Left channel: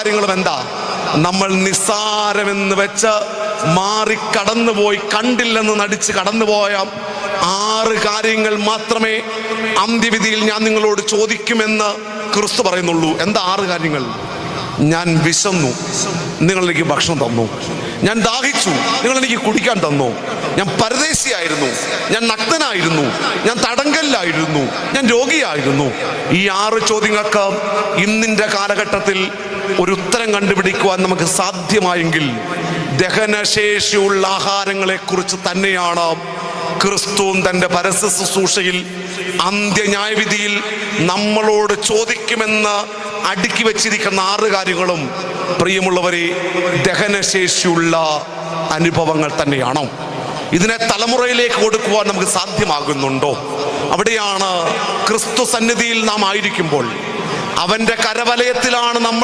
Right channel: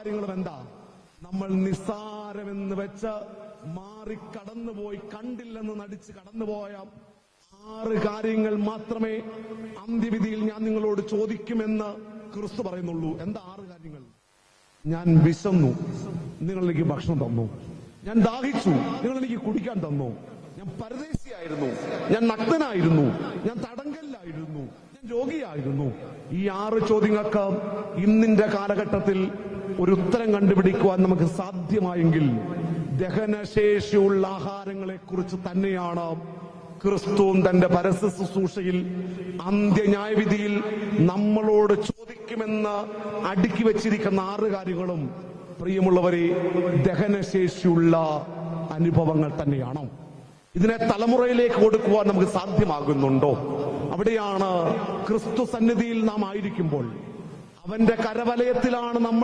കാര്യങ്ങളും എന്താ? നമ്മൾ നിസ്സാരമെന്ന് വെച്ച് കടന്നുപോയി, കണ്ടില്ലെന്ന് നടിച്ച് കടന്നുപോയ 6 കാര്യങ്ങൾ മാത്രമേ അന്ത്യവിധിയിൽ ഞാൻ നിങ്ങളോട് ചോദിക്കുമെന്ന് ക്രിസ്തു പറയുന്നുള്ളൂ. എന്താ 6 കാര്യങ്ങൾ? ഞാൻ വിശന്നു, നിങ്ങൾ എനിക്ക് ഭക്ഷണം തന്നു. ഞാൻ ദാഹിച്ചു, നിങ്ങൾ എനിക്ക് കുടിക്കാൻ തന്നു. ഞാൻ പരദേശിയായിരുന്നു, ഞാൻ നഗ്നനായിരുന്നു, ഞാൻ തടങ്കലിലായിരുന്നു, ഞാൻ രോഗിയായിരുന്നു. ഈ 6 ചോദ്യങ്ങൾക്ക് ഇന്നിൻ്റെ കാലഘട്ടത്തിൽ ഒരു ഉത്തരം കണ്ടുപിടിക്കുവാൻ നമുക്ക് സാധ്യമായെങ്കിൽ ദഹനശേഷിയുള്ള ആഹാരങ്ങളെ കുറിച്ച് തന്നെയാണ് ക്രിസ്തുവും തൻ്റെ പരസ്യ ശുശ്രൂഷയിൽ അന്ത്യന്യായവിധിയിൽ നമ്മളോട് ചോദിക്കുമെന്ന് അടുക്കി വെച്ചിരിക്കുന്ന 6 കാര്യങ്ങളും പ്രിയമുള്ളവരെ ദഹനശേഷിയുള്ള അനുഭവങ്ങൾ തന്നെയാണോ? ഇതിനെ തലമുറയിലേക്ക് കൊടുക്കുവാൻ നമുക്ക് സാധ്യമാകുന്നുണ്ടോ? അവിടെയാണ് ക്രിസ്തു സന്നിധിയിൽ നാം ആയിരിക്കുമ്പോൾ, അവൻ്റെ കരവലയത്തിലാണ് നമ്മൾ